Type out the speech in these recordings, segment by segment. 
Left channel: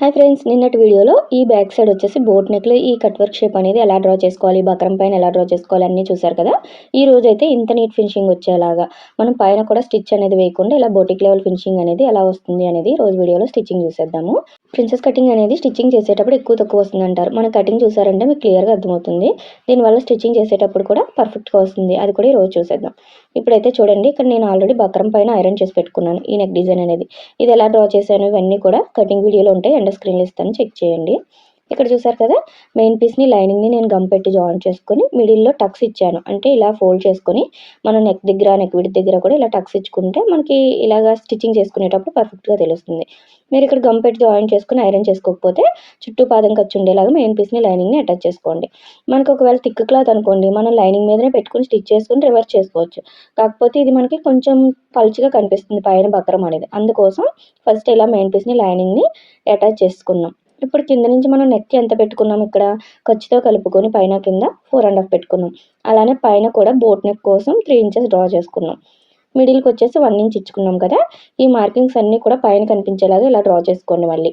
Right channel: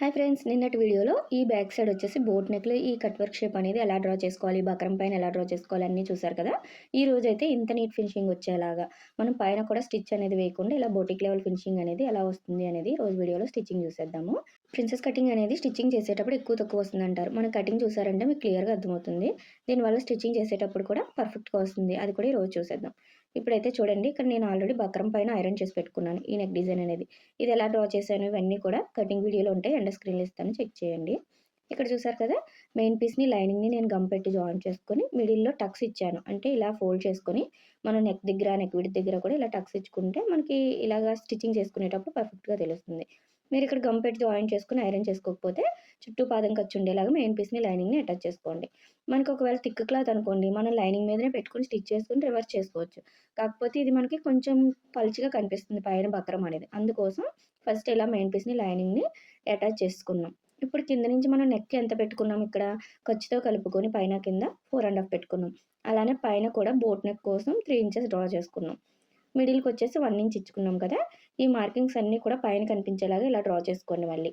Hi friends నిన్నటి వీడియోలో ఈ బ్యాక్ సైడ్ వచ్చేసి బోట్ నెక్లో ఈ కట్ వర్క్ షేప్ అనేది ఎలా డ్రా చేసుకోవాలి బక్రం పైన ఎలా డ్రా చేసుకోవాలి అన్నీ చూసారు కదా. ఈ రోజు అయితే ఇంత నీట్ ఫినిషింగ్ వచ్చేలాగా మనం పైన కూడా స్టిచ్ అనేది వేయకుండా ఇలా బోటిక్ లెవెల్ ఫినిషింగ్ అనేది ఎలా వస్తుంది అనేది రోజు వీడియోలో స్టిచ్చింగ్ చూసేద్దాము. ప్రిన్సెస్ కటింగ్ అనేది స్టిచ్చింగ్ చేసేటప్పుడు ఎక్కువ తక్కువ వస్తుంది అంటారు. మన కటింగ్ చూసారంటే మీకు క్లియర్గా అర్థమవుతుంది. దీనివల్ల స్టిచ్చింగ్ చేసేటప్పుడు కూడా పర్ఫెక్ట్గా వస్తుంది. అది కూడా ఈరోజు రోజు చూసేద్దాం. ఇప్పుడైతే చూడండి ఇక్కడ నేను ఆల్రెడీ బక్రం పైన ఐరన్ చేసి పెట్టుకున్నాను ఈ నెక్ డిజైన్ అనేది. ఇది ఎలా డ్రా చేశాను ఇవన్నీ కూడా కటింగ్ వీడియోలో ఉంటాయి. అండ్ స్క్రీన్లు ఇస్తాను చెక్ చేయండి. ఇక్కడ చూసారు కదా మెయిన్ పీస్ని లైనింగ్ని నేను గమ్ పెట్టి జాయిన్ చేసుకొని మిడిల్లో టక్స్ ఇచ్చాను. అంటే ఇలా ఫోల్డ్ చేసుకొని మనం నెక్ దగ్గర నెక్ విడి దగ్గర కూడా ఇలా టక్స్ ఇచ్చుకుంటే మనకి ఇలాగా స్టిచ్చింగ్ చేసుకునేటప్పుడు పర్ఫెక్ట్గా తెలుస్తుంది. మీరు ఇక్కడ గమ్ పెట్టి జాయిన్ చేసుకుని ఐరన్ చేసుకోకపోతే చుట్టూ పాదం ఖర్చు ఉండేలాగా మెయిన్ పీస్ని లైనింగ్ని అటాచ్ చేసుకోండి. మనకు ఒకవేళ థిక్ క్లాత్ అనుకోండి మనం లైనింగ్ మీదనే పెట్టుకుని స్టిచ్ చేసుకుని రివర్స్ చేసుకోవచ్చు. కాకపోతే ఇది మనకి కొంచెం పల్చిగా కనిపిస్తుంది పైన బక్రం అనేది. అందుకోసం ఫస్ట్ ఇలా మెయిన్ పీస్ని లైనింగ్ని అటాచ్ చేసుకున్నాం. ఇప్పుడు కింద నుంచి మనం నెక్ ఎంత పెట్టుకున్నాం ఇక్కడ? ఖర్చుతో కలుపుకొని పైన కింద ఫోర్ అండ్ హాఫ్ పెట్టుకున్నాం. అలానే పైన కూడా బోట్ నెక్ కోసం త్రీ ఇంచెస్ డ్రా చేసుకున్నాం. మిడిల్కి వచ్చేసి వన్ ఇంచ్ ఇచ్చుకున్నాం కదా? ఈ మార్కింగ్స్ అన్నీ కూడా పైన కనిపించేలాగా ఇలా డ్రా చేసుకోండి మళ్ళీ.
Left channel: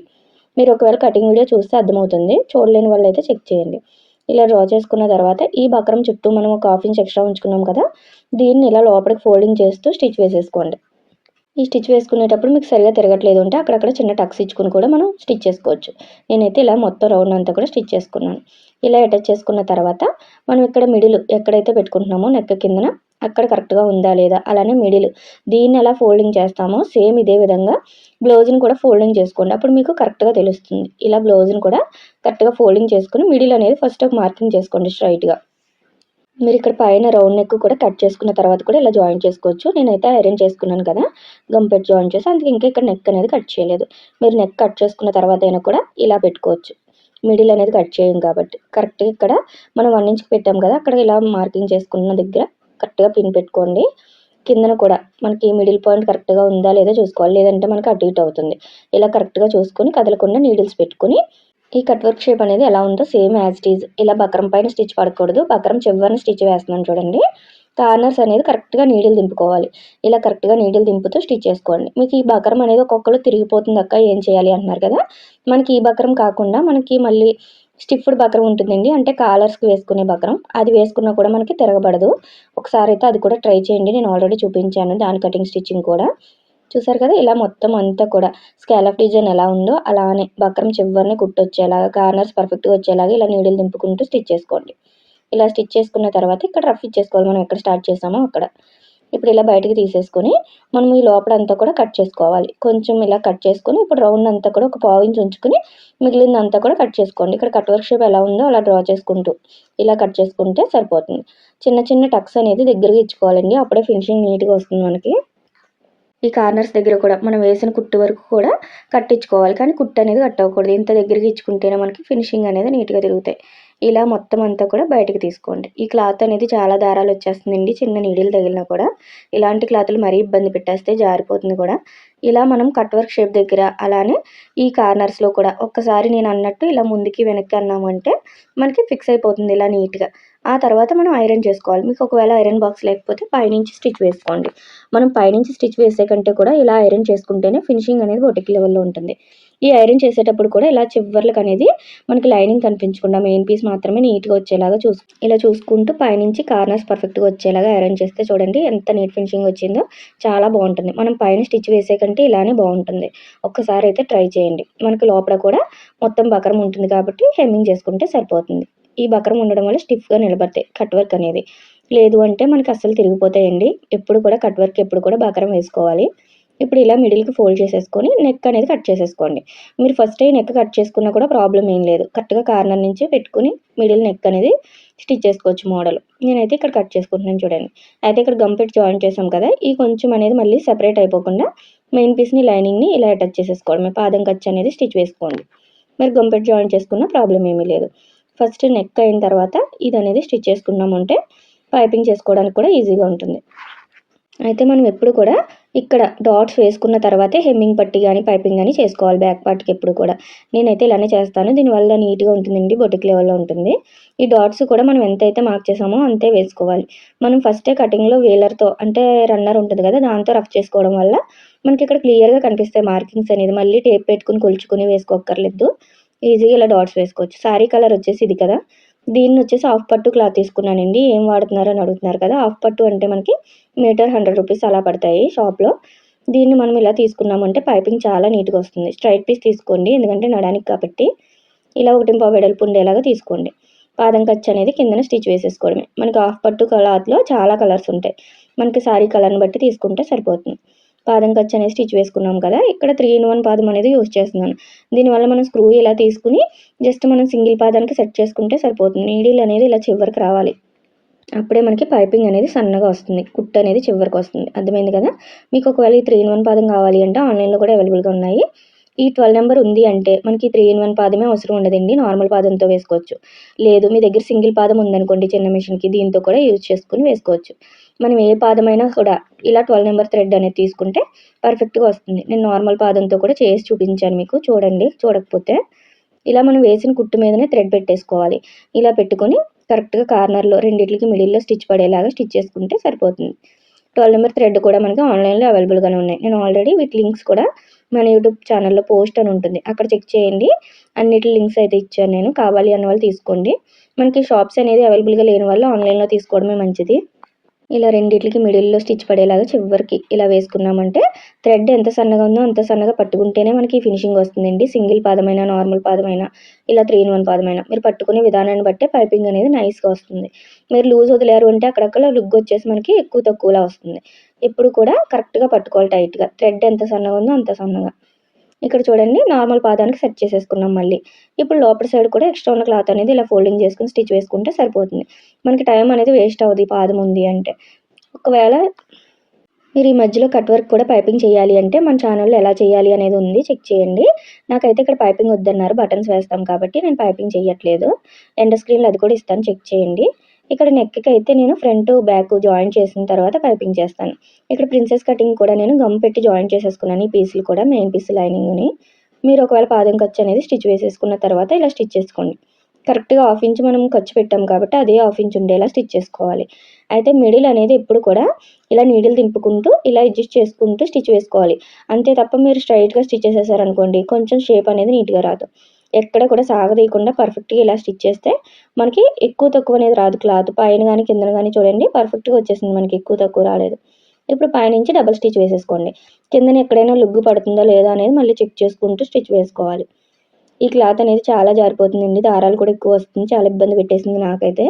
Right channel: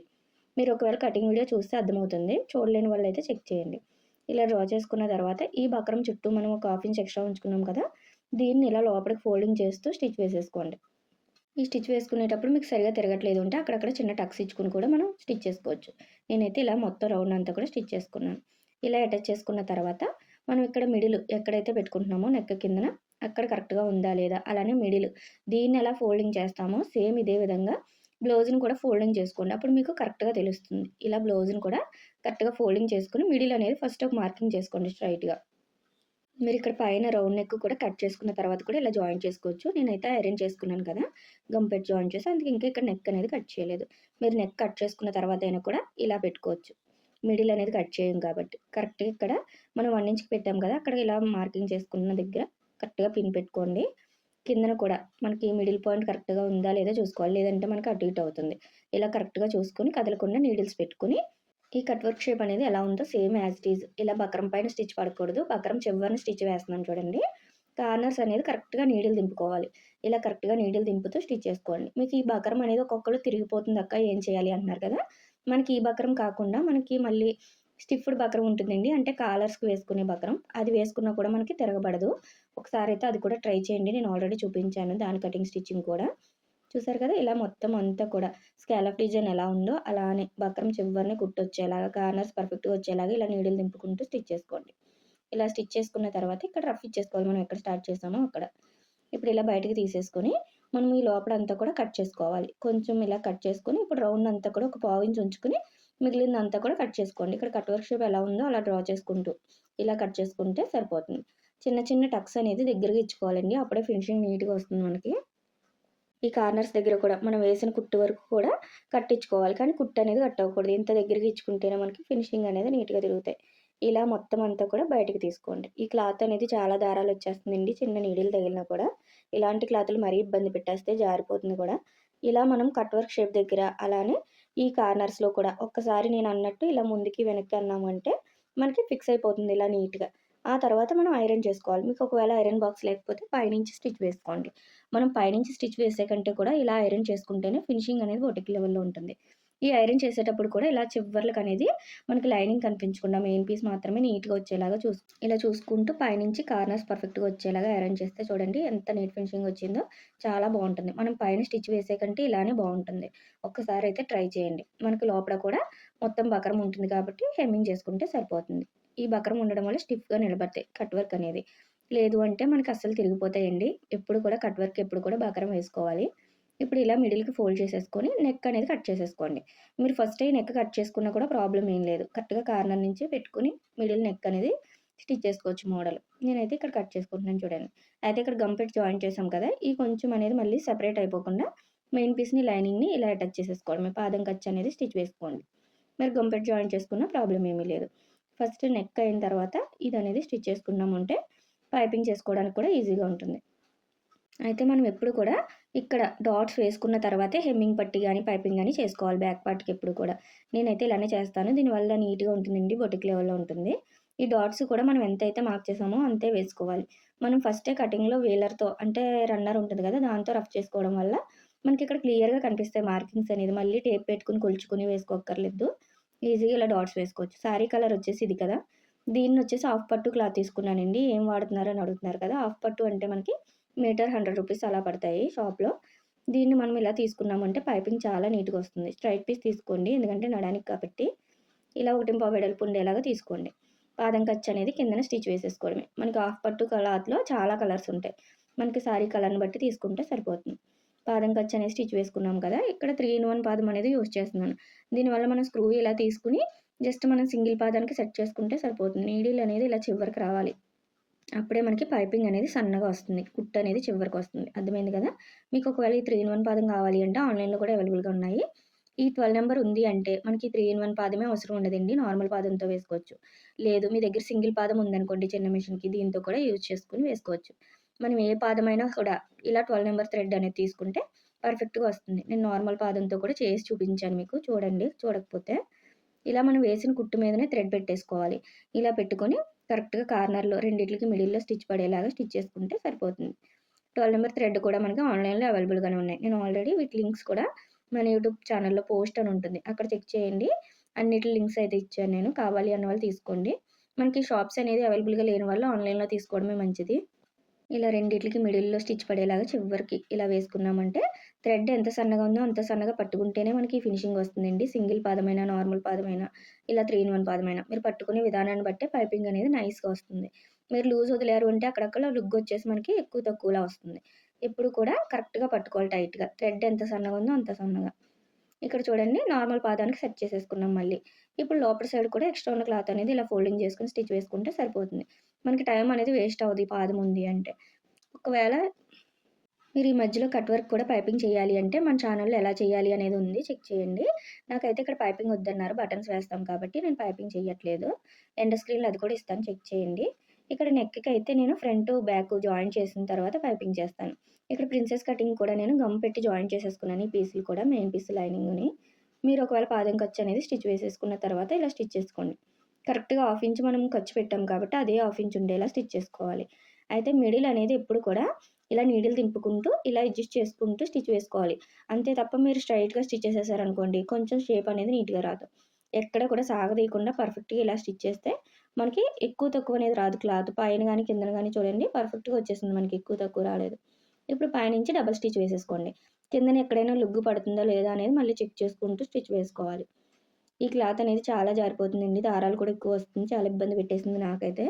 మీరు ఒకవేళ కటింగ్ వీడియో చూస్తే అర్థమవుతుంది. చూడలేని వాళ్ళు అయితే చెక్ చేయండి. ఇలా డ్రా చేసుకున్న తర్వాత ఈ బక్రం చుట్టూ మనం ఒక హాఫ్ ఇంచ్ ఎక్స్ట్రా ఉంచుకున్నాం కదా? దీన్ని ఇలా లోపలికి ఫోల్డింగ్ చేస్తూ స్టిచ్ వేసేసుకోండి. ఈ స్టిచ్ వేసుకునేటప్పుడు మీకు సరిగా తిరగట్లేదు అంటే అక్కడక్కడ చిన్న టక్స్ ఇచ్చుకుని కూడా మనం స్టిచ్ చేసుకోవచ్చు. నేనైతే ఇలా మొత్తం రౌండ్ అంతా కూడా స్టిచ్ చేసుకున్నాను. ఇలా అటాచ్ చేసుకున్న తర్వాత మనం ఇక్కడ మిడిల్ ఎక్కడైతే పెట్టుకుంటున్నామో నెక్క కిందన అక్కడ కరెక్ట్గా ఉందా లేదా అలానే మిడిల్ దీన్ని ఎలా ఫోల్డింగ్ చేస్తామో సేమ్ ఇదే విధంగా బ్లౌజ్ని కూడా ఫోల్డింగ్ చేసుకోండి. అప్పుడు మీకు కరెక్ట్గా తెలుస్తుంది. ఇలా బ్లౌజ్ని కూడా కరెక్ట్గా ఫోల్డింగ్ చేసుకుని మిడిల్ అనేది ఫస్ట్ ఒక మార్కింగ్ చేసుకోండి స్ట్రైట్గా. మీరు ఇక్కడ పైన రౌండ్ నెక్ కూడా కట్ చేసుకున్న తర్వాత కూడా ఇలా జాయిన్ చేసుకోవచ్చు. నేనైతే ఐరన్ చేసుకున్నాను కదా గమ్ జాయిన్ చేసి అందుకే ఇంకా ఇక్కడ నెక్ అనేది కట్ చేయలేదు. మీరు నెక్ కట్ చేసుకున్న తర్వాత అయినా కూడా ఇలా పెట్టుకోవచ్చు. మిడిల్ అనేది కట్ చేయం కాబట్టి. కరెక్ట్గా ఇక్కడ మనం వన్ ఇంచ్కి పెట్టాం కదా అక్కడ ఇలా మార్కింగ్ చేసుకున్న దగ్గర కరెక్ట్గా పిన్ పెట్టుకోండి. కిందన కూడా మనకి మిడిల్ పాయింట్ కరెక్ట్గా ఉందా లేదా చూసుకోవాలి. లేదంటే మనకి అటు ఇటు అవుతుంది. ఇలా కరెక్ట్గా చూసుకొని కదలకుండా నీడిల్స్ పెట్టుకొని ఈ కట్ వర్క్ షేప్ అనేది ఎలా ఉందో సేమ్ యాజ్ ఇట్ ఈజ్. ఇలా బక్రం పైన స్టిచ్ పడకూడదు. బక్రం చివరిని స్టిచ్ వేస్తున్నాను చూడండి. కార్నర్స్ అనేది కరెక్ట్గా నీడిల్ దింపుకోవాలి. ఇలా కరెక్ట్గా నీడిల్ దింపుతూ స్టిచ్ చేసుకోండి. మీకు ఈ బకరం అనేది ఒక్కొక్కరు తిరిగిపోతుంది అక్క ఏం చేయాలి? అంటున్నారు కదా. మనకి ఈ బకరం కాకుండా మనకి మళ్ళీ స్టిఫ్డ్ బకరం ఉంటుందండి. అంటే కాలర్స్కి వేసుకునే బకరం. అది వేసుకున్నా కూడా మనకి తిరగబడదు. ఒకసారి అయితే అది కూడా ట్రై చేయండి. నేను ఆల్రెడీ చూపించాను. దాని కటింగ్ స్టిచ్చింగ్ కూడా. చూసారు కదా ఇలా మొత్తం అంతా కూడా స్కాలప్ డిజైన్ ఎలా ఉందో అలానే బక్రం చివరిని కుట్టొచ్చేలాగా కార్నర్స్ పర్ఫెక్ట్గా వచ్చేలాగా ఇలా నీడిల్ దింపుకుంటూ స్టిచ్ చేసుకోండి. ఇలా స్టిచ్ చేసుకున్న తర్వాత ఇక్కడ రఫ్ ఇచ్చేసుకోవాలి మనం ఎక్కడ స్టార్ట్ చేసామో అక్కడ. ఇప్పుడు ఇలా బయటకు తీసేసుకొని మనం ఈ లోపల అంతా కూడా కట్ చేసుకోవాలి. కొంచెం ఇలా కట్ చేసుకొని ఇప్పుడు రౌండ్ అంతా కూడా ఒక పావు ఇంచ్ ఉంచుకొని మిగిలిందంతా కూడా కట్ చేసుకోండి. ఇక్కడ కట్ వర్క్ షేప్ ఎలా ఉందో అలా డ్రా చేసుకుంటూ ఇలా కట్ చేసుకుంటే సరిపోతుంది. చిన్న చిన్న టక్స్ అనేది దగ్గరగా ఇచ్చుకోవాలండి. అప్పుడే ఫినిషింగ్ నీట్గా వస్తుంది మనకి. ఈ కార్నర్స్ దగ్గర కూడా మనం వేసిన కుట్టు వరకు కూడా కట్టించుకోవాలి. కానీ కుట్టు అనేది కట్టవకూడదు ఇంత దగ్గరికి ఇచ్చుకుంటేనే మనకి ఫినిషింగ్ అనేది నీట్గా తిరుగుతాయి. ఇలా మొత్తం అంతా కూడా బయటకు తీసుకోండి. ఈ క్లాత్ అనేది చాలా దారాలు వచ్చేస్తుందండి. చిన్న నీడిలు తగిలినా కూడా ఇలాంటి క్లాత్లు మరీ ఇబ్బంది పెట్టేస్తే జారిపోతుంది కూడా. ఇలా మనం కట్ వర్క్ షేప్ దగ్గర అలానే ఈ కార్నర్స్లో కూడా ఒక్కసారి నేను అన్నట్టు ఇలా ముందుకి వెనక్కి అన్నామంటే మనకి ఫిక్స్ అయిపోతుంది ఇలా నీట్గా. ఆ తర్వాత మనం ఐరన్ చేసుకోవాలి. మీకు ఒకవేళ ఐరన్ బాక్స్ లేకపోతే పైనుంచి స్టిచ్ వేసుకోండి. మనం పైనుంచి స్టిచ్ వేసే కంటే కూడా ఇలా ఐరన్ చేసుకుంటేనే ఫినిషింగ్ అనేది బొటిక్ లెవెల్లో ఉంటుంది. ఈ ఐరన్ చేసేటప్పుడు కూడా ఇలా చివర్లకు అనేది మనకి లైనింగ్ కనిపించకుండా మెయిన్ పీస్ మాత్రమే నీట్గా వచ్చేలాగా చూసు ఇలా చూసుకుంటూ పైనుంచి కార్నర్స్ పర్ఫెక్ట్గా వచ్చేలాగా ఐరన్ చేస్తే చూడండి ఎంత నీట్ ఫినిషింగ్ వచ్చిందో చాలా బాగుంటుంది. మనం పైన స్టిచ్ వేసే కంటే ఇలానే బాగుంటుంది. ఒక్కసారి అయితే ట్రై చేయండి. మనకి లోపల కూడా మొత్తం బకరం ఉంటుంది కాబట్టి హెమ్మింగ్ చేసుకుంటే సరిపోతుంది. ఈ బకరం ఉండడం వల్ల స్టిఫ్గా నిలబడతాయి కట్ వర్క్ అనేది. లేదు అంటే మనకి అస్సలు తిరిగిపోతాయండి. ఎప్పుడు కూడా కట్ వర్క్ ఎప్పుడు కూడా బకరం వేసుకోవాలి. ఇప్పుడు ఇలా మిడిల్కి ఫోల్డ్ చేసేసుకొని నెక్ అనేది కట్ చేసేసుకోండి. మీరు ఫస్ట్ అయ్యి నెక్ కట్ చేసుకున్నా కూడా ప్రాబ్లం ఏం లేదు. కరెక్ట్గా కార్నర్ నుంచి పెట్టుకుని మిడిల్ నెక్ అనేది స్టిచ్ చేసుకోవచ్చు మోడల్ నేనైతే ఇక్కడ కట్ చేసుకుంటున్నాను చూడండి. అయితే ఇక్కడ గంపెట్ జాయిన్ చేసాం కదా ఈ కొంచెం అనేది మళ్ళీ సెపరేట్ అయిపోకుండా మెయిన్ పీస్ని లైనింగ్ని ఇలా అటాచ్ చేసేసుకోవడమే. పాదం ఖర్చు అనేది స్టిచ్ వేసుకోండి. మరి గంపెట్ జాయిన్ చేసుకున్న ప్రాబ్లం ఏమీ లేదు. ఫస్ట్ నెక్ అయిన తర్వాత ఇది అనేది స్టిచ్ చేసుకున్నామంటే పైపింగ్ చేసుకోవడానికి కూడా ఈజీగా ఉంటుంది. అయితే మనం ఎప్పుడు కూడా ఇక్కడ డాట్స్ వేసుకున్న తర్వాతే హెమ్మింగ్ పట్టి కానీ పైపింగ్ కానీ చేసుకోవాలి బ్యాక్ పార్ట్కి ఎప్పుడు కూడా. నేనైతే ఇలానే చేస్తాను. దీనివల్ల నీట్గా ఉంటుందండి బొటిక్ లెవెల్లో ఉంటుంది. ఈ డాట్స్ కూడా మనం ఎంతైతే మార్క్ చేసామో అంతే వేసుకోవాలి. మనం ఫస్టే కటింగ్లో వేలర్తో అంటే రన్నర్ ఉంటుంది కదా దాంతో రఫ్ చేసుకోవడం వల్ల మనకి ఇక్కడ క్లియర్గా కనిపిస్తాయి మార్కింగ్స్ అనేది. మళ్ళీ టేప్ పెట్టుకుని కొలుచుకుని వేసుకోక్కర్లేదు. ఈజీగా ఇలా డాట్స్ వేసుకోవచ్చు. శారీ కలర్ వచ్చేసి ఇది కదా. దీన్ని వచ్చేసి హాఫ్ పట్టు క్లాత్ తీసుకున్నానండి. ఏం వాడుతున్నారు అని అడుగుతున్నారు కదా. హాఫ్ పట్టు అంటే మనకి మీటర్ హండ్రెడ్ రూపీస్ అలా పడతాయి షాప్లో. దీన్ని మనం ఇలా తీసుకున్నామంటే పైపింగ్ చాలా నీట్గా వస్తుంది. స్ట్రైట్ పీస్ తీసుకోండి. ఎందుకంటే నడానికి కాబట్టి ఇలా ఒకటి పావు వెడల్పు ఉండేలాగా తీసుకోండి. పాదం ఖర్చు అనేది కిందన స్టిచ్ వేసేసుకోవడమే. మనకి హాఫ్ పట్టు క్లాత్లో చాలా కలర్స్ ఉంటాయి. మనకి శారీ కలర్ని బట్టి తీసుకుంటే సరిపోతుంది. పాదం ఖర్చు అనేది స్టిచ్ వేసుకున్నాం కదా ఇక్కడ త్రీ ఇన్ వన్ పాదం అనేది యూజ్ చేస్తున్నాను. దీనివల్ల మనం స్క్రూ ఇలా తీసుకుని జస్ట్ మనం సింగిల్ పాదానికి సెట్ చేసుకుంటే సరిపోతుంది. నీడిల్ అనేది ఇలా చివరికి రావాలి. అప్పుడే మనకి పైపింగ్ అనేది సన్నగా వస్తుంది. కుట్టు అనేది చివరికి వస్తుంది. అర్థమైంది కదా? మీకు ఒకవేళ ఈ త్రీ ఇన్ వన్ పాదం కావాలి అంటే ఆన్లైన్లో కూడా అవైలబుల్గా ఉన్నాయి. ఈ ట్వెల్వ్ నెంబర్ ఉంది అంటే మనకి త్రీ ఇన్ వన్ పాదమే అవసరం ఉండదండి. నార్మల్ పాదంతో వేసుకోవచ్చు. లేదు మీ దగ్గర సింగిల్ పాదం ఉందనుకోండి చిన్న మిషన్కి దీంతో కూడా యూజ్ చేసుకుని వేసుకోవచ్చు. మనం ఏ పాదమైనా కూడా ఇలా ట్వెల్వ్ నెంబర్ థ్రెడ్ అనేది తీసుకుంటే పర్ఫెక్ట్గా వస్తుంది. నేను నార్మల్ పాదంతో కూడా చేసి చూపించాను మీకు. చూడండి చూడకపోతే ఇలా మనం వేసిన కుట్టు మీదనే థ్రెడ్ పెట్టేసుకోవాలి. ఇలా పెట్టుకొని కరెక్ట్గా కార్నర్లో రెండింటికి మిడిల్లో స్టిచ్ పడేలాగా స్టిచ్ చేసుకుంటే సరిపోతుంది. ట్వెల్వ్ నెంబర్ థ్రెడ్ కూడా మనకి ఆన్లైన్లో అవైలబుల్గానే ఉన్నాయి. నేను ఆల్రెడీ వీటి లింక్స్ కూడా మన యూట్యూబ్ ఛానల్లో పోస్ట్ అని ఉంటుంది. అక్కడ చెక్ చేయండి. అన్నిటి లింక్స్ అయితే ఇచ్చాను నేను. కావాలి అన్న వాళ్ళు తీసుకోండి. మనకి షాప్స్ అనేది అవైలబుల్గా లేని వాళ్ళు ఆన్లైన్లో తీసుకోవడమే మంచిది. ఇలా రెండిట్లకి మిడిల్లో స్టిచ్ పడేలాగా చివరికి ఇలా వేసుకున్నామంటే థ్రెడ్ ఎంత సన్నగా ఉందో అంత సన్నగా పట్టుకుంటేనే మనకి ఫినిషింగ్ వస్తుందండి. సింగిల్ పాదమైన నార్మల్ పాదమైన ఇలా త్రీ ఇన్ వన్ పాదమైన. మీరు పట్టుకునే విధానాన్ని బట్టే పైపింగ్ అనేది నైస్గా వస్తుంది. మీరు లూజ్ వదిలేరు అంటే అక్కడక్కడ లుగ్ వచ్చేసి మనకి ఎక్కువ తక్కువలా వస్తుంది. ఎప్పుడు కూడా కరెక్ట్గా పట్టుకోవాలి టైట్గా. థ్రెడ్ ఎంత సన్నగా ఉందో అంత సన్నగా. ఇక్కడ చూడండి నార్మల్ పాదానికి సెట్ చేసేసుకున్నాం మళ్ళీ. ఇప్పుడు లోపల సైడ్ కూడా ఎక్స్ట్రా ఉన్న క్లాత్ అనేది ఇలా ఫోల్డింగ్ చేసుకుని స్టిచ్ వేసుకుంటే సరిపోతుంది. మనకి టైం అనేది వేస్ట్ అవుతుంది పాదం ఉంది అంటే. ఒకవేళ మీరు ఈ మధ్యలో కట్ వర్క్ కూడా పైపింగ్ చేయాలి అంటే మన ఛానల్లో ఎలా చేయాలి అనేది ఉంది చెక్ చేయండి. నాకైతే ఇక్కడ పైపింగ్ వద్దన్నారు బటన్స్ వేస్తాం కాబట్టి నేను పైపింగ్ చేయట్లేదు. ఎండ స్క్రీన్లో అది కూడా ఇస్తాను చెక్ చేయండి. ఇక్కడ నెక్కి అయితే నేను ఫ్రంట్ బ్యాక్ జాయిన్ చేసిన తర్వాత పైపింగ్ చేస్తాను. ఇక్కడ ప్రిన్సెస్ కటింగ్ కూడా నేను గమ్ పెట్టి జాయిన్ చేసేసుకున్నాను. ఈ పీసులు కూడా మెయిన్ పీస్ లైనింగ్ని మీరు ఒకవేళ పాదం ఖర్చు అనేది స్టిచ్ వేసేసుకున్న తర్వాత ఇలా స్టిచ్ చేసుకోండి. కరెక్ట్గా హాఫ్ ఇంచ్ మనం ఖర్చు పెట్టాం కాబట్టి అదే హాఫ్ ఇంచ్ ఉండేలా స్టిచ్ చేసుకోవాలి. అయితే మిడిల్ అనేది ఎప్పుడు కూడా ఇలా నీడిల్ తింపుకుంటూ ఇలా అడ్జస్ట్ చేసుకుంటూ స్టిచ్ వేసుకోవాలి. అంతే తప్ప మీరు స్ట్రైట్గా స్టిచ్ చేసేసారనుకోండి కొంచెం షేప్ అనేది నీట్గా రాదు. ఎక్కడ కూడా సాగదీయకుండా పర్ఫెక్ట్గా ఇలా స్టిచ్ చేస్తే మనకి ఎక్కువ తక్కువ అనేది రాదు. క్లాత్ పైన కానీ కింద కానీ చూడండి పర్ఫెక్ట్గా వచ్చేసింది మనకి ఎక్కువ తక్కువ రాలేదు. ఇప్పుడు పైనుంచి డబల్ స్టిచ్ వేసేసుకోండి. కిందన ఎక్కడైనా లుగ్గు పడుతుందా లేదా అనేది మళ్ళీ చెక్ చేసుకుంటూ స్టిచ్ వేసుకోవాలి. ఈ క్లాత్ అనేది చాలా జారిపోతుందండి. దారాలు కూడా ఎక్కువ వస్తుంది. చాలా ఇబ్బంది పెట్టేసింది నాకైతే.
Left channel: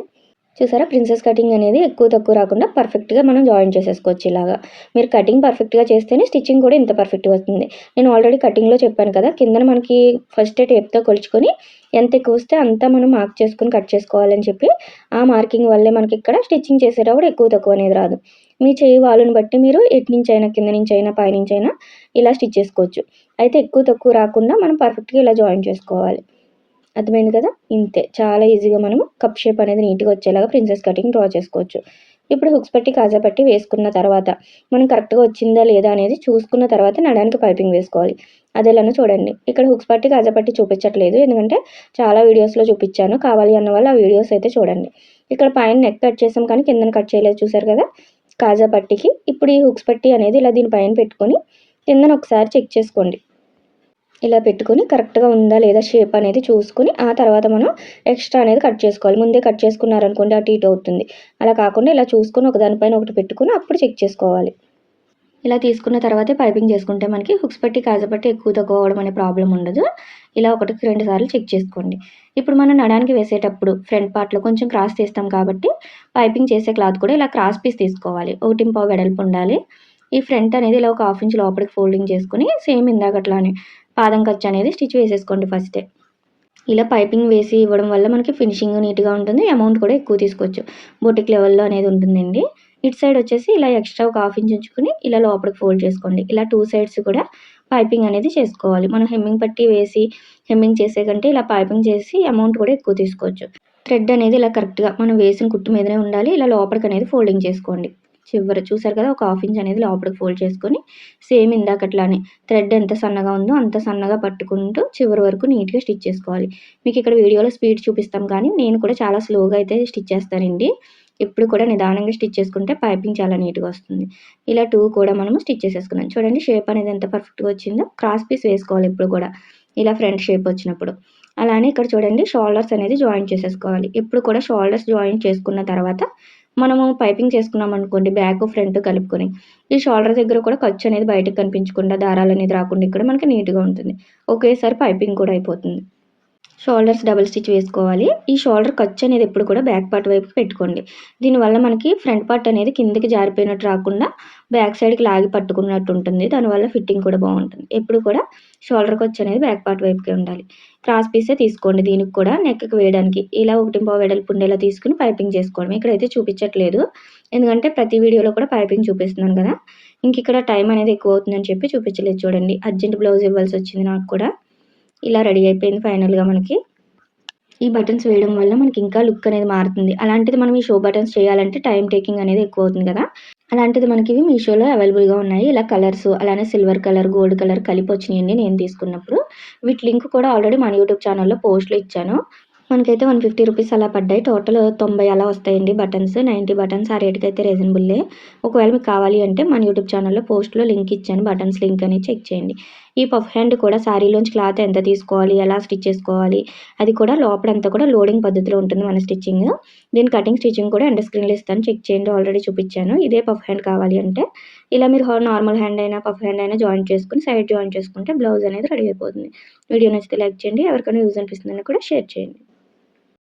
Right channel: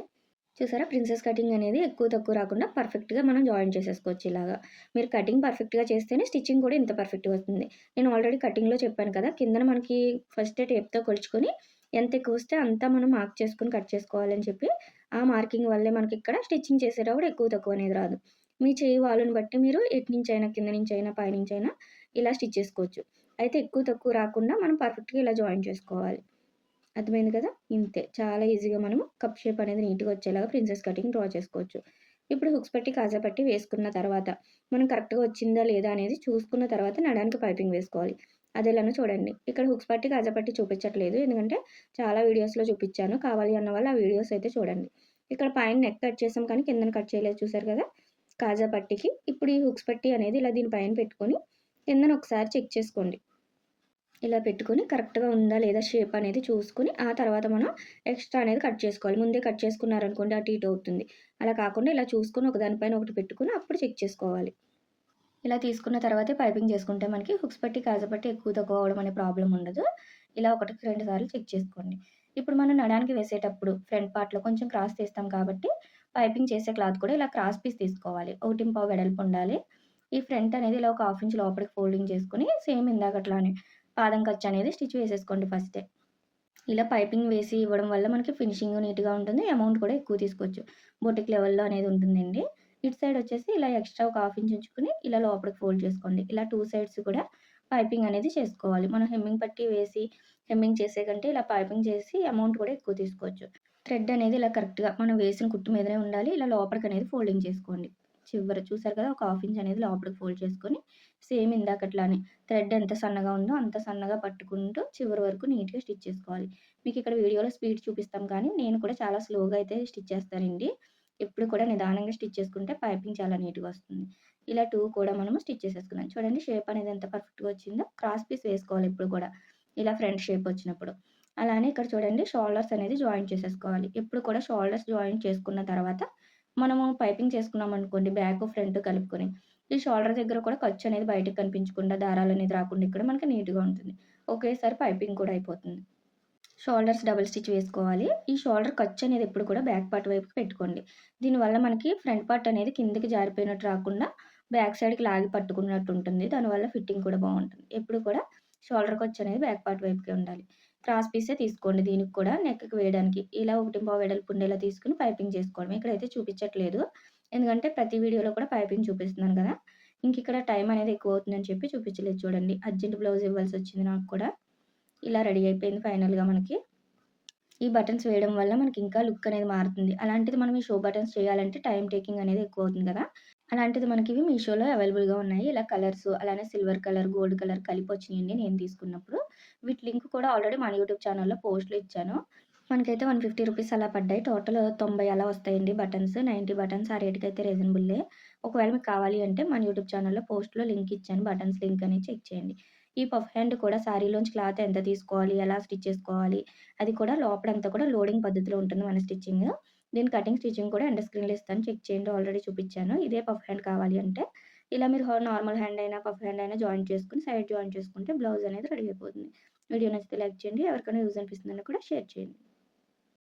చూసారా? ప్రిన్సెస్ కటింగ్ అనేది ఎక్కువ తక్కువ రాకుండా పర్ఫెక్ట్గా మనం జాయిన్ చేసేసుకోవచ్చు ఇలాగా. మీరు కటింగ్ పర్ఫెక్ట్గా చేస్తేనే స్టిచ్చింగ్ కూడా ఇంత పర్ఫెక్ట్గా వస్తుంది. నేను ఆల్రెడీ కటింగ్లో చెప్పాను కదా కిందన మనకి ఫస్ట్ టేప్తో కొలుచుకొని ఎంత ఎక్కువ వస్తే అంతా మనం మార్క్ చేసుకొని కట్ చేసుకోవాలని చెప్పి ఆ మార్కింగ్ వల్లే మనకి ఇక్కడ స్టిచ్చింగ్ చేసేటప్పుడు ఎక్కువ తక్కువ అనేది రాదు. మీ చేయి వాళ్ళని బట్టి మీరు ఎటు నుంచి అయినా కింద నుంచి అయినా పైనుంచి అయినా ఇలా స్టిచ్ చేసుకోవచ్చు. అయితే ఎక్కువ తక్కువ రాకుండా మనం పర్ఫెక్ట్గా ఇలా జాయిన్ చేసుకోవాలి. అర్థమైంది కదా? ఇంతే. చాలా ఈజీగా మనం కప్ షేప్ అనేది నీట్గా వచ్చేలాగా ప్రిన్సెస్ కటింగ్ డ్రా చేసుకోవచ్చు. ఇప్పుడు హుక్స్ పట్టి కాజా పట్టి వేసుకున్న తర్వాత మనం కరెక్ట్గా వచ్చిందా లేదా అనేది చూసుకున్న తర్వాత నడానికి పైపింగ్ వేసుకోవాలి. అదేలానో చూడండి. ఇక్కడ హుక్స్ పట్టి కాజా పట్టి చూపించట్లేదు. ఎందుకంటే చాలా వీడియోస్లో చూపించాను. కావాలి అన్న వాళ్ళు ఆ వీడియోస్ అయితే చూడండి. ఇక్కడ పైన నెక్ కట్ చేసాం కానీ కిందన కట్ చేయలేదు. చూసారు కదా? కాజా పట్టికి. ఇప్పుడు ఈ హుక్స్ పట్టి అనేది ఇలా దీని పైన పెట్టుకొని కిందన ఒకసారి చెక్ చేసుకోండి. ఇలా పెట్టుకొని కరెక్ట్గా ఉందా లేదా షేప్ అనేది చూసుకొని ఆ తర్వాత మనం ఎక్స్ట్రా అనేది కట్ చేసుకోవాలి. ముందే కట్ చేసుకున్నారనుకోండి అటు ఇటు అవుతుంది. అలా కాకుండా ఇలా చూసుకొని ఒక దానిపైన ఒకటి పెట్టుకొని అప్పుడు చెక్ చేసుకోవాలి. ఇలా తీసుకున్న తర్వాతే పైపింగ్ చేసుకుంటే మనకి హుక్స్ పట్టి కాజపట్టి ఎక్కువ తక్కువ అవ్వడం అనే ప్రాబ్లం ఉండదు. ఇలా ఒకటికి రెండు సార్లు చెక్ చేసుకోండి. ఇప్పుడు మనం నడానికి వేసేటప్పుడు ఫ్రంట్ పార్ట్లో కొంచెం క్రాస్ తీస్తాం కాబట్టి పైపింగ్ చేసే క్లాత్ కూడా ఇలా క్రాస్ పీస్ తీసుకోవాలి. ఒకటి పావు వెడల్పు ఉండాలి. ఈ ఫ్రంట్ అనేది ఇలా ఒక హాఫ్ ఇంచ్ లోపలికి ఫోల్డింగ్ చేసుకొని సేమ్ ఇందాకట్లానే పాదం ఖర్చు అనేది స్టిచ్ వేసేసుకోండి ఫస్టే. ఇలా పైపింగ్ వేసి ఇవ్వడం వల్ల మనకి ఫినిషింగ్ నీట్గా ఉంటుంది అమౌంట్ కూడా ఎక్కువ తీసుకోవచ్చు. బొటిక్ లెవెల్లో అనేది ఉంటుందండి. ఇటు సైడ్ వచ్చేసి ఇలా ఎక్స్ట్రా ఒక హాఫ్ ఇంచ్ ఉంచుకొని ఇలా లోపలికి ఫోల్డ్ చేసుకోండి. ఇలా టూ సైడ్స్ కూడా పైపింగ్ అనేది చేసుకోవాలి. మనం హెమ్మింగ్ పట్టి వేసి హెమ్మింగ్ చేసే కంటే ఇలా పైపింగ్ చేసి అమౌంట్ కూడా ఎక్కువ తీసుకోవచ్చు. థ్రెడ్ అనేది ఇలా కరెక్ట్గా మనం వేసిన కుట్టు మీదనే ఉండాలి. ఇలా లోపలికి అనేది ఫోల్డింగ్ చేసుకోండి. చివరి చూసారు కదా ఒక హాఫ్ ఇంచ్ అనేది లోపలికి ఫోల్డ్ చేసుకొని సేమ్ ఇందాకట్లానే థ్రెడ్ ఎంత సన్నగా ఉందో అంత సన్నగా పట్టుకుంటూ చివరి వరకు నీట్గా స్టిచ్ చేసుకోవాలి. మీకు ఇక్కడ వీడియోలో స్పీడ్ చూపిస్తాం కానీ నేను కూడా చాలా స్లోగా అయితే స్టిచ్ చేస్తానండి. ఎప్పుడు కూడా నిదానంగా స్టిచ్ చేసుకుంటే పైపింగ్ చాలా నీట్గా వస్తుంది. ఇలా టూ కూడా మనము స్టిచ్ చేసేసుకున్నాం. చూడండి షేప్ అనేది ఎంత పర్ఫెక్ట్గా వచ్చిందో క్రాస్ పీస్ వేసుకోవాలి ఎప్పుడు కూడా. ఇలా ఫ్రంట్ షేప్ వచ్చినప్పుడు. అలానే ఇక్కడ చూడండి షోల్డర్స్ అనేది జాయిన్ చేసేసుకోవాలి. ఎప్పుడు కూడా షోల్డర్స్ జాయిన్ చేసుకున్న తర్వాత మనము పైపింగ్ చేసుకున్నాం అనుకోండి బ్యాక్ ఫ్రంట్ కలుపుకొని ఈ షోల్డర్ దగ్గర కూడా ఖర్చు అనేది బయటకు కనిపించకుండా దారాలు అనేది రాకుండా ఇక్కడ మనకి నీట్గా ఉంటుంది. ఒకేసారి పైపింగ్ కూడా అయిపోతుంది. షోల్డర్స్ డబుల్ స్టిచ్ వేసుకోవాలి. ఈ షోల్డర్ ఖర్చు అనేది ఎప్పుడు కూడా బ్యాక్ పార్ట్ వైపు పెట్టుకోండి. దీనివల్ల మనకి ఫ్రంట్ పార్ట్ అనేది కిందకి జారిపోయినట్టు రాకుండా బ్యాక్ సైడ్కి లాగి పట్టుకున్నట్టు ఉంటుంది. దానివల్ల ఫిట్టింగ్ కూడా బాగుంటుంది. ఎప్పుడు కూడా షోల్డర్ ఖర్చు అనేది బ్యాక్ పార్ట్ వైపుకే ఉండాలి. క్రాస్ పీసే తీసుకోండి. దీనికి కూడా నెక్కి వేయడానికి ఇలా ఒకటి పావు వెడల్పు ఉండేలా తీసుకుని పైపింగ్ చేసుకోవడం. ఇక్కడైతే చూపించట్లేదు. ఎందుకంటే ప్రతి వీడియోలో కూడా పైపింగ్ చూపిస్తున్నాను కదా. ఇంక ఇక్కడ టైం అనేది ఎక్కువ అవుతుందని చెప్పి చూపించలేదు. చూడండి. అర్జెంట్ బ్లౌజ్ ఇవ్వాల్సి వచ్చింది నాకు కూడా. ఇలా రెడీ అయిపోయింది ఫైనల్గా మనకి. ఈ బటన్స్ వేయడం వల్ల మనకి ఇంకా లుక్ అనేది మారుతుంది. అలాంటిది మనం ఈ షో బటన్స్ చేయాలంటే టైం టేకింగ్ అనేది ఎక్కువ అవుతుంది కదా. అలాంటిది మనకి ఇవి మీషోలో అవైలబుల్గా ఉన్నాయి. ఇలా కలర్స్ అలానే సిల్వర్ కలర్ గోల్డ్ కలర్ కలిపి వచ్చినాయండి నేను తీసుకున్నప్పుడు. వీటి లింక్ కూడా ఆల్రెడీ మన యూట్యూబ్ ఛానల్లో పోస్ట్లో ఇచ్చాను. మనకైతే వన్ ఫిఫ్టీ రూపీస్ అలా పడ్డాయి. టోటల్ తొంభై అలా వస్తాయండి బటన్స్. నైంటీ బటన్స్ ఆ రేట్కి అయితే రీజనబుల్లే. ఒకవేళ మీకు కావాలి అంటే మన యూట్యూబ్ ఛానల్లో పోస్ట్లో లింక్ ఇచ్చాను. బటన్స్ లింక్ అని చెక్ చేయండి. ఈ పఫ్ హ్యాండ్ కూడా శారీలోంచి క్లాత్ ఎంత తీసుకోవాలి ఎలా స్టిచ్ చేసుకోవాలి అది కూడా లోపలంతా కూడా లోడింగ్ పద్ధతిలో ఉంటుంది మన స్టిచ్చింగ్. దీని కటింగ్ స్టిచ్చింగ్ కూడా ఎండ స్క్రీన్లో ఇస్తాను. చెక్ చేయండి ఆల్రెడీ చూపించాను. ఇదే పఫ్ హ్యాండ్ కావాలి అంటే ఇలా మీరు నార్మల్ హ్యాండ్ అయినా పఫ్ హ్యాండ్ అయినా జాయిన్ చేసుకుని సైడ్ జాయిన్ చేసుకుంటే బ్లౌజ్ అనేది రెడీ అయిపోతుంది. వీడియో నచ్చితే లైక్ చేయండి. ఎవరికైనా యూజ్ అనిపిస్తుందని కూడా షేర్ చేయండి.